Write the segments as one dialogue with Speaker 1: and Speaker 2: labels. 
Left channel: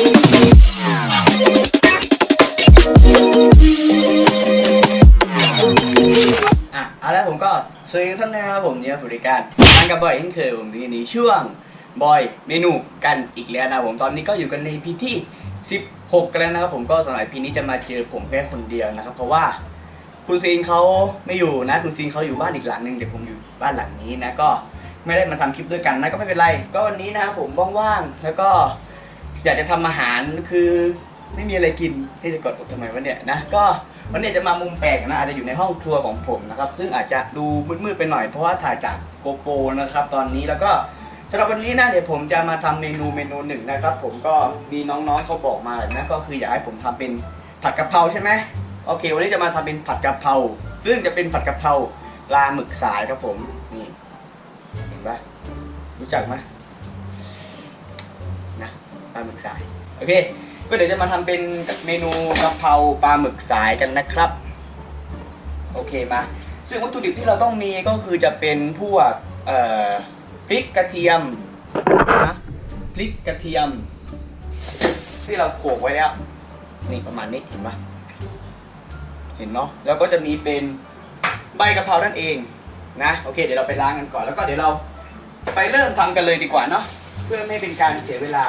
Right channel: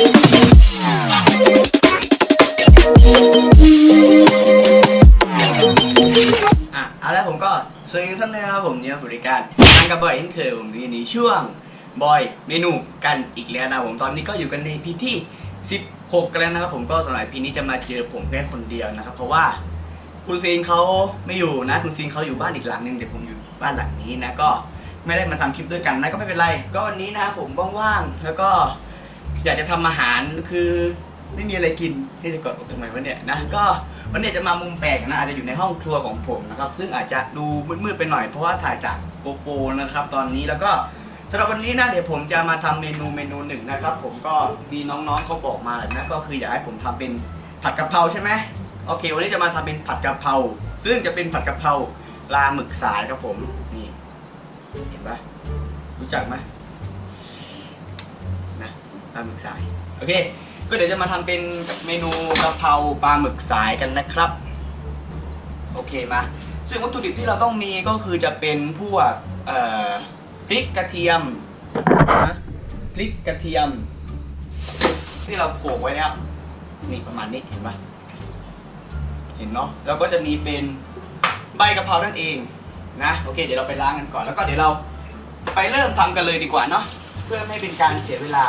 Speaker 1: อะเอาละผมก็สวัสดีท่านด้นะครับผมเนี่ยบริการทางกับบอยเช่นเคยผมที่นี่ช่วงบอยเมนูกันอีกแล้วนะผมตอนนี้ก็อยู่กันในพีที่ 16 กันแล้วนะครับผมก็สำหรับพีนี้จะมาเจอผมแค่คนเดียวนะครับ เพราะว่าคุณซีนเขาไม่อยู่นะ คุณซีนเขาอยู่บ้านอีกหลังหนึ่งเดี๋ยวผมอยู่บ้านหลังนี้นะก็ไม่ได้มาทำคลิปด้วยกันนะก็ไม่เป็นไร ก็วันนี้นะครับผมว่างๆแล้วก็ อยากจะทำอาหารคือไม่มีอะไรกินให้จะกดอกทำไมวะเนี่ยนะก็วันนี้จะมามุมแปลกนะอาจจะอยู่ในห้องครัวของผมนะครับ ซึ่งอาจจะดูมืดๆไปหน่อยเพราะว่าถ่ายจากโกโปรนะครับ ตอนนี้แล้วก็สำหรับวันนี้นะเดี๋ยวผมจะมาทำเมนูเมนูหนึ่งนะครับ ผมก็มีน้องๆเขาบอกมาแหละนะก็คืออยากให้ผมทำเป็นผัดกะเพราใช่ไหมโอเค วันนี้จะมาทำเป็นผัดกะเพราซึ่งจะเป็นผัดกะเพราปลาหมึกสายครับผมนี่ เห็นปะรู้จักไหม ปลาหมึกสายโอเค ก็เดี๋ยวจะมาทำเป็นเมนูกะเพราปลาหมึกสายกันนะครับ โอเคมาซึ่งวัตถุดิบที่เราต้องมีก็คือจะเป็นพวกพริกกระเทียมนะพริกกระเทียม ที่เราโขกไว้แล้วนี่ประมาณนี้เห็นปะเห็นเนาะแล้วก็จะมีเป็นใบกะเพรานั่นเองนะโอเค เดี๋ยวเราไปล้างกันก่อนแล้วก็เดี๋ยวเราไปเริ่มทำกันเลยดีกว่าเนาะ พื่อไม่เป็นการเสียเวลา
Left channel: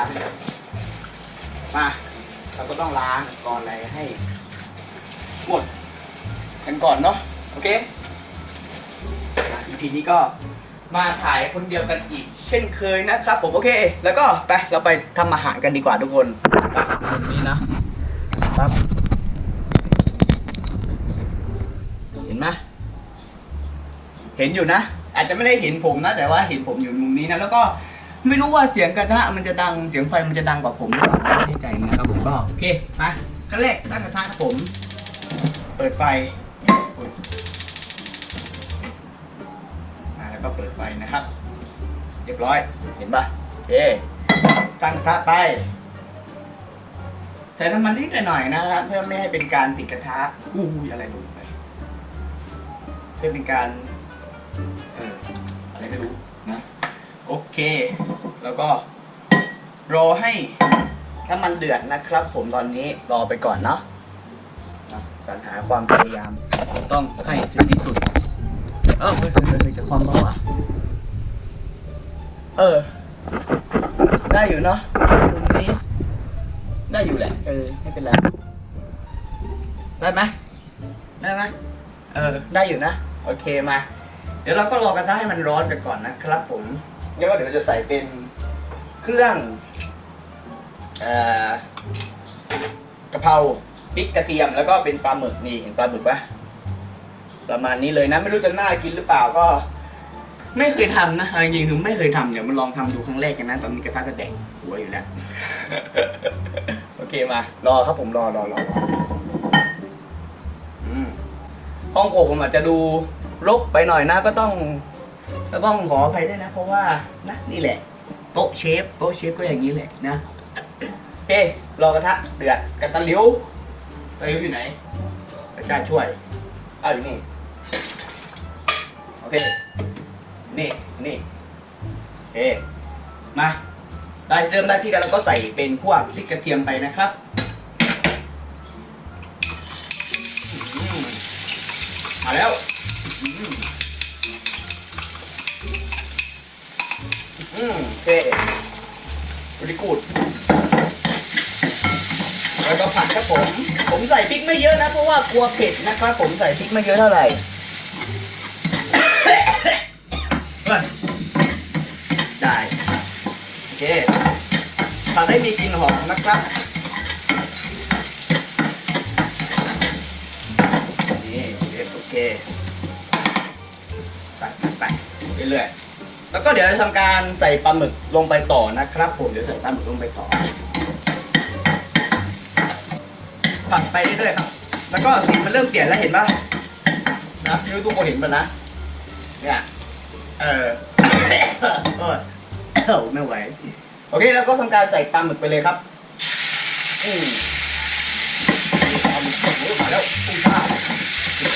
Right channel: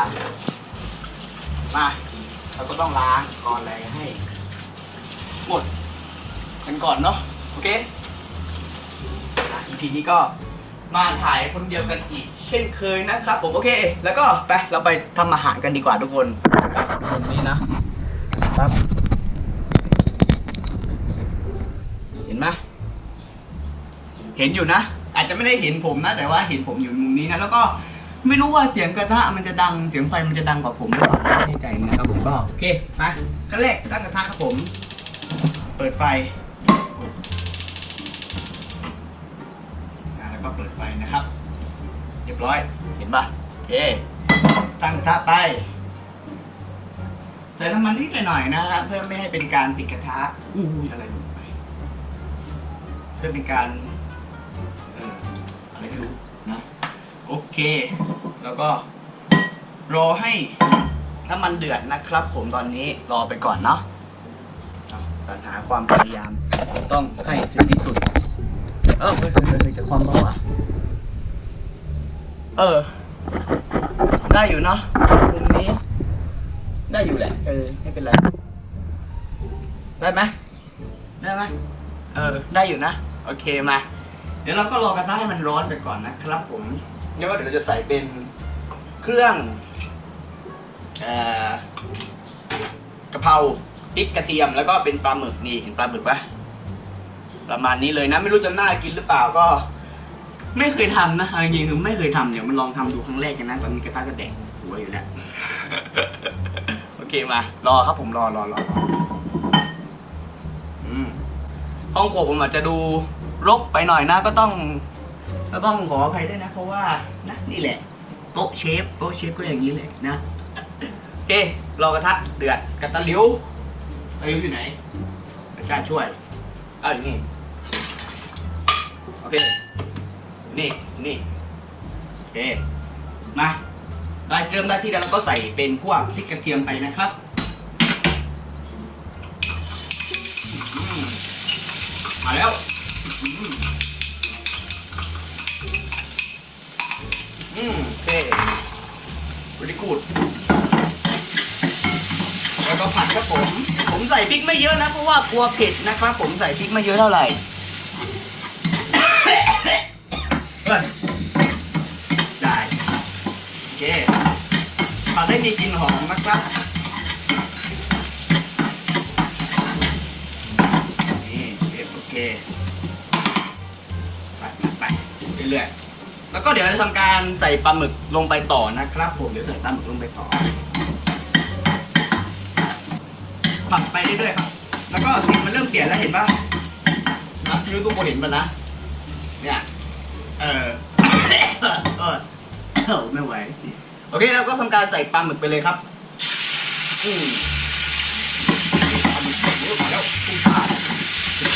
Speaker 1: มาเราก็ต้องล้างก่อนอะไรให้หมดกันก่อนเนาะโอเคอีพีนี้ก็มาถ่ายคนเดียวกันอีก เช่นเคยนะครับ ผมโอเค แล้วก็ไปเราไปทำอาหารกันดีกว่าทุกคนไปมุมนี้นะปั๊บเห็นไหมเห็นอยู่นะ อาจจะไม่ได้เห็นผมนะ แต่ว่าเห็นผมอยู่มุมนี้นะแล้วก็ ไม่รู้ว่าเสียงกระทะมันจะดังเสียงไฟมันจะดังกว่าผมหรือเปล่าไม่แน่ใจนะครับผมก็โอเคไปขั้นแรกตั้งกระทะครับผม เปิดไฟอ่าแล้วก็เปิดไฟนะครับเรียบร้อยเห็นปะโอเคตั้งกระทะไปใส่น้ำมันนิดหน่อยนะเพื่อไม่ให้เป็นการติดกระทะอู้อะไรหล่นไป เพื่อเป็นการเอออะไรไม่รู้นะ โอเค แล้วก็รอให้น้ำมันเดือดนะครับ ผมตอนนี้รอไปก่อนเนาะสรรหาความพยายามต้องให้ถึงที่สุด เออเฮ้ยเฮ้ยจะความร้อนอะเออ ได้อยู่เนาะมุมนี้ ได้อยู่แหละ เออ ไม่เป็นไร ได้ไหมได้ไหมเออ ได้อยู่นะ โอเคมา เดี๋ยวเราก็รอกระทะให้มันร้อนกันก่อนนะครับผม แล้วก็เดี๋ยวเราจะใส่เป็นเครื่องอ่อกะเพราพริกกระเทียมแล้วก็เป็นปลาหมึกนี่เห็นปลาหมึกปะประมาณนี้เลยนะ ไม่รู้จะน่ากินหรือเปล่าก็ ไม่เคยทำนะจริงๆคือไม่เคยทำเดี๋ยวมาลองทำดูครั้งแรกกันนะตอนนี้กระทะจะแดกหัวอยู่แล้วโอเคมารอครับผมรอรอรอห้องโขกผมอาจจะดูรกไปหน่อยนะก็ต้อง ก็ต้องขออภัยด้วยนะ เพราะว่านะนี่แหละ โต๊ะเชฟโต๊ะเชฟก็อย่างนี้แหละนะโอเครอกระทะเดือดกระตะลิวตะลิวอยู่ไหนพระเจ้าช่วยเอาอยู่นี่โอเคนี่นี่โอเคมาได้เริ่มได้ที่แล้วเราก็ใส่เป็นพวกพริกกระเทียมไปนะครับมมาแล้ว อืมอืมโอเคบริกูดแล้วก็ผัดครับผม ผมใส่พริกไม่เยอะนะ เพราะว่ากลัวเผ็ดนะครับ ผมใส่พริกไม่เยอะเท่าไหร่เฮ้ยได้โอเคผัดให้มีกลิ่นหอมนะครับนี่โอเคใส่ไปเรื่อยๆ แล้วก็เดี๋ยวจะทำการใส่ปลาหมึกลงไปต่อนะครับผมเดี๋ยวใส่ปลาหมึกลงไปต่อผัดไปเรื่อยๆครับ แล้วก็สีมันเริ่มเปลี่ยนแล้วเห็นบ้างนะไม่รู้ทุกคนเห็นป่ะนะ เนี่ย เออเออไม่ไหว โอเคแล้วก็ทำการใส่ปลาหมึกไปเลยครับ อืมปลาหมึกโอ้ยมาแล้วปุ้งป้า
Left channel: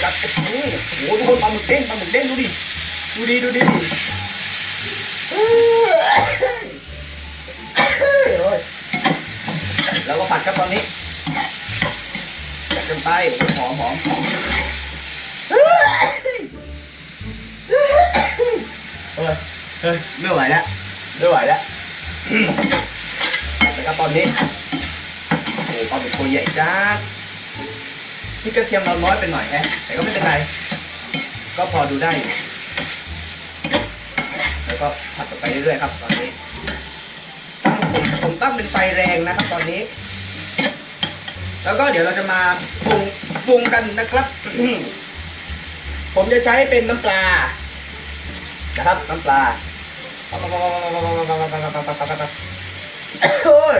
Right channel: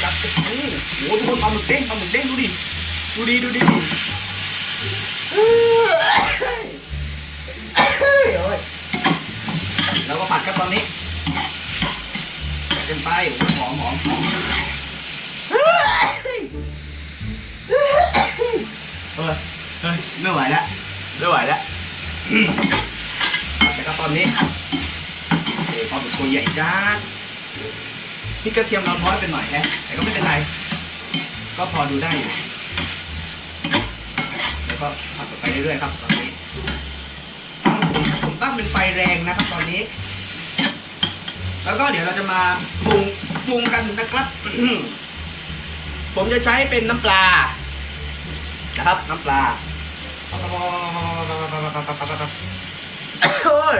Speaker 1: จัดโอ้โหทุกคนปลาหมึกเด้งปลาหมึกเด้งดูดิ ดูดิดูดิ แล้วก็ผัดครับตอนนี้ผัดกันไปหอมหอมหอมเฮ้ยเฮ้ยไม่ไหวแล้วไม่ไหวแล้วนะครับตอนนี้โอ้โหปลาเป็นตัวใหญ่จ้าพี่กระเทียมเราน้อยไปหน่อยแฮะแต่ก็ไม่เป็นไร ก็พอดูได้อยู่ แล้วก็ผัดต่อไปเรื่อยๆครับตอนนี้ผมผมตั้งเป็นไฟแรงนะครับ ตอนนี้ แล้วก็เดี๋ยวเราจะมาปรุงปรุงกันนะครับ ผมจะใช้เป็นน้ำปลา นะครับ น้ำปลาโอ้ย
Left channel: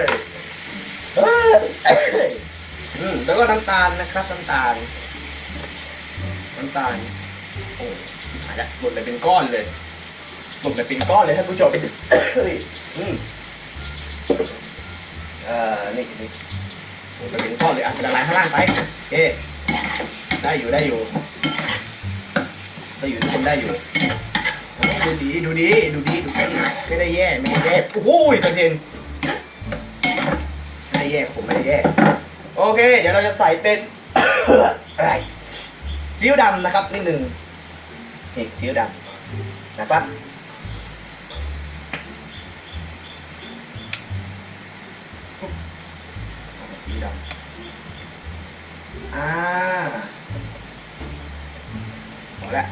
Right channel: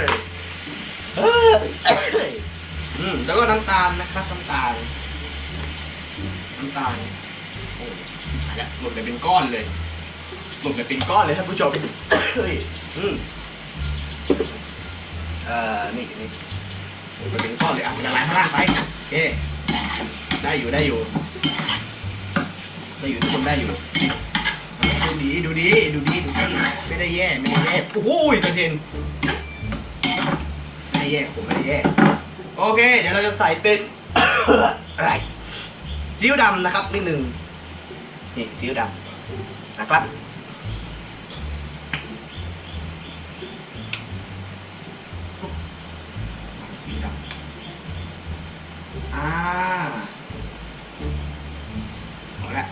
Speaker 1: แล้วก็น้ำตาลนะครับ น้ำตาล น้ำตาล โอ้หายละหล่นไปเป็นก้อนเลย หล่นไปเป็นก้อนเลยท่านผู้ชมเฮ้ยอืมอ่อนี่นี่โอ้ไปเป็นก้อนเลยอะละลายข้างล่างไปเอ๊ได้อยู่ได้อยู่ได้อยู่ทุกคนได้อยู่ดูดีดูดีดูดีดูดีไม่ได้แย่ไม่ได้แย่โอ้ยกระเด็นไม่ได้แย่ผมไม่ได้แย่โอเค เดี๋ยวเราจะใส่เป็นอะไรซีอิ๊วดำนะครับนิดหนึ่งนี่ซีอิ๊วดำนะครับ อ่าพอแล้ว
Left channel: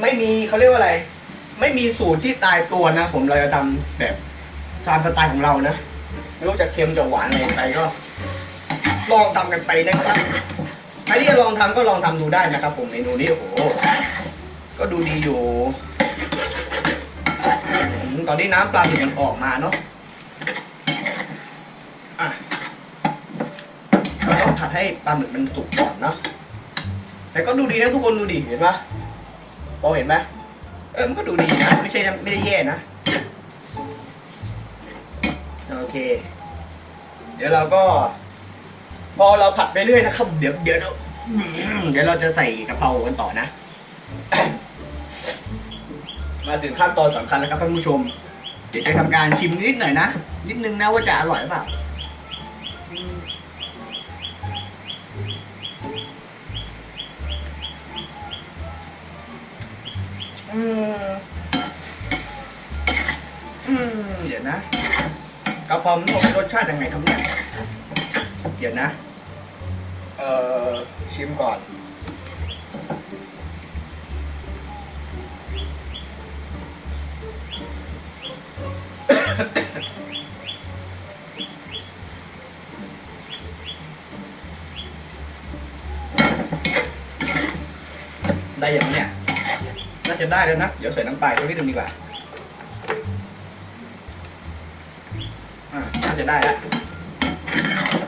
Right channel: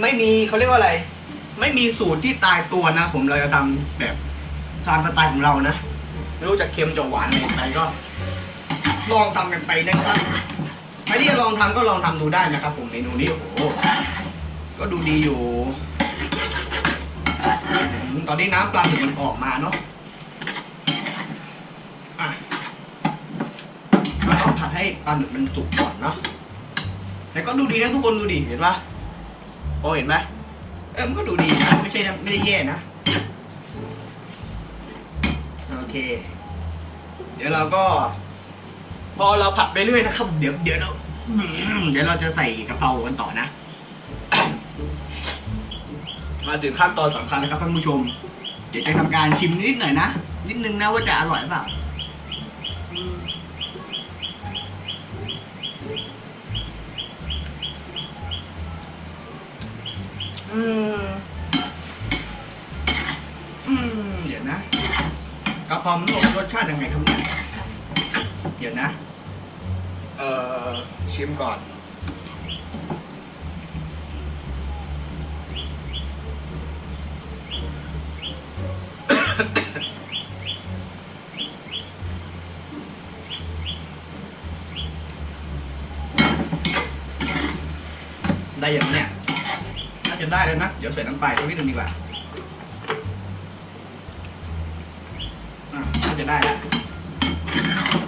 Speaker 1: ไม่มีเขาเรียกว่าอะไร ไม่มีสูตรที่ตายตัวนะ ผมเราจะทำแบบตามสไตล์ของเรานะไม่รู้จะเค็มจะหวานอะไรไปก็ ลองทำกันไปนะครับใครที่จะลองทำก็ลองทำดูได้นะครับ ผมเมนูนี้โอ้โหก็ดูดีอยู่ ตอนนี้น้ำปลาหมึกมันออกมาเนาะเราต้องผัด ให้ปลาหมึกมันสุกก่อนเนาะแต่ก็ดูดีนะทุกคนดูดีเห็นปะมองเห็นไหมเออมันก็ดูดีนะไม่ใช่ไม่ได้แย่นะโอเค เดี๋ยวเราก็ พอเราผัดไปเรื่อยนะครับ เดี๋ยวเดี๋ยวเราเดี๋ยวเราจะใส่กะเพรากันต่อนะ มาถึงขั้นตอนสำคัญนะครับท่านผู้ชม เดี๋ยวจะทำการชิมนิดหน่อยนะ นิดนึงนะว่าจะอร่อยหรือเปล่า อืม อืม เดี๋ยวนะกระเพราหมูรสชาติยังไงครับเนี่ย เดี๋ยวนะ เอ่อ ชิมก่อน น่าจะได้แล้วนะ เดี๋ยวใส่น้ำปลาสักนิดนึงดีกว่าน่าจะได้แล้ว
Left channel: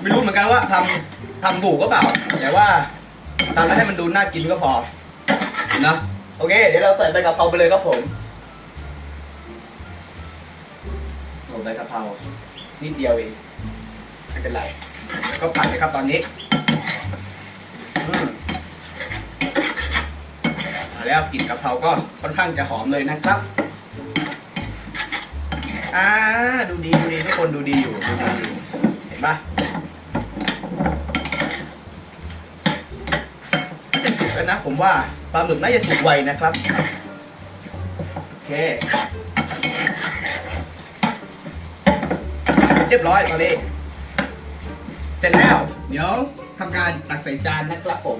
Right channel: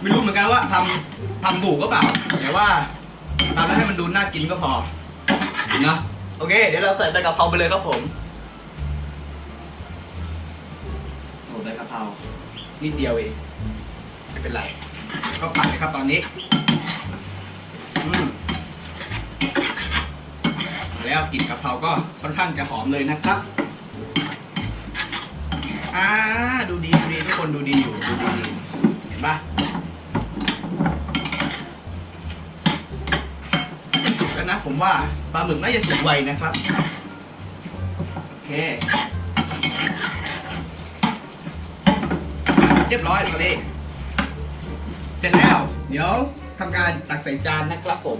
Speaker 1: ไม่รู้เหมือนกันว่าทำทำถูกก็เปล่า แต่ว่าทำแล้วให้มันดูน่ากินก็พอนะโอเค เดี๋ยวเราใส่ใบกะเพราไปเลยครับผมโอ้ใบกะเพรานิดเดียวเองไม่เป็นไร ก็ผัดไปครับตอนนี้ อืม แล้วกลิ่นกะเพราก็ค่อนข้างจะหอมเลยนะครับอ่าดูดีดูดีทุกคนดูดีอยู่ดูดีอยู่เห็นปะน่าจะสุกแล้วนะผมว่าปลาหมึกน่าจะสุกไวนะครับโอเคเรียบร้อยตอนนี้เสร็จแล้ว เดี๋ยวทำการตักใส่จานนะครับผม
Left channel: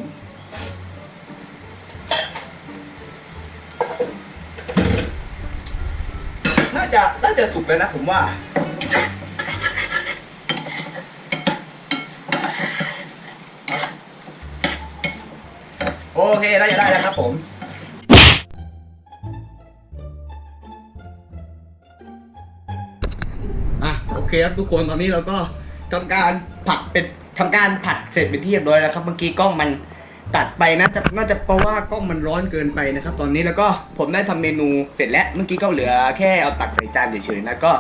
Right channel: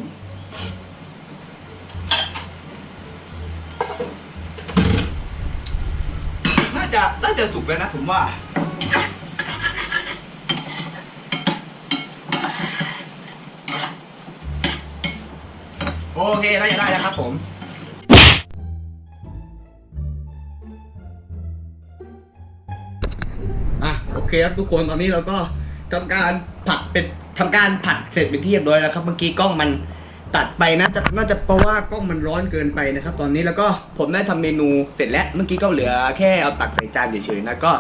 Speaker 1: จะน่าจะสุกแล้วนะผมว่า โอเคน่าจะได้แล้วครับผมอะโอเคครับทุกคนตอนนี้เราก็ทำการผัดเป็นทำการผัดเสร็จเป็นที่เรียบร้อยแล้วครับ เมื่อกี้กล้องมัน ตัดไปนะจะน่าจะเพราะว่ากล้องมันร้อนเกินไปนะครับ ตอนนี้แล้วก็ผมได้ทำเมนูเสร็จแล้วเมื่อกี้ก็เหลือแค่เอาตักใส่จานเฉยๆนะก็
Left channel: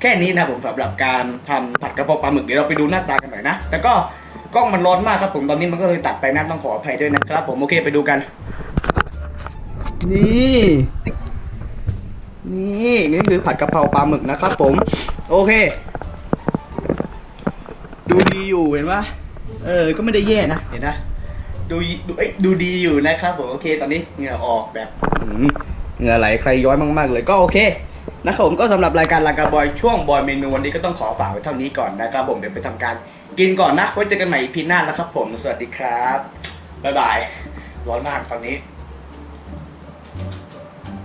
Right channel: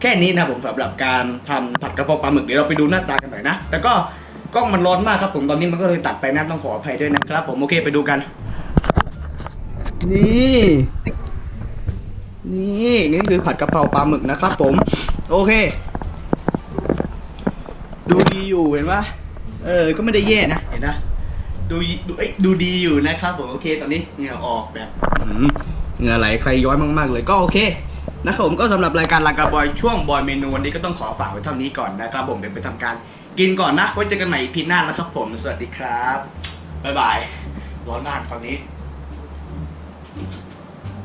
Speaker 1: แค่นี้นะผมสำหรับการทำผัดกระเพราปลาหมึกเดี๋ยวเราไปดูหน้าตากันหน่อยนะแต่ก็กล้องมันร้อนมากครับผมตอนนี้มันก็เลยตัดไปนะต้องขออภัยด้วยนะครับ ผมโอเคไปดูกัน นี่ นี่นี่คือผัดกระเพราปลาหมึกนะครับผม โอเค ดูดีอยู่เห็นปะเออ ก็ไม่ได้แย่นะเห็นนะ ดูดูเอ้ยดูดีอยู่นะครับผมโอเค ตอนนี้เหงื่อออกแบบอื้อหือเหงื่อไหลใครย้อยมาก ๆ เลยก็โอเคนะครับผมก็สำหรับรายการลากาบอยช่วงบอยเมนูวันนี้ก็ต้องขอฝากไว้เท่านี้ก่อนนะครับผมเดี๋ยวไปทำการกินก่อนนะไว้เจอกันใหม่อีพีหน้านะครับผมสวัสดีครับบ๊ายบาย
Speaker 2: ร้อนมากตอนนี้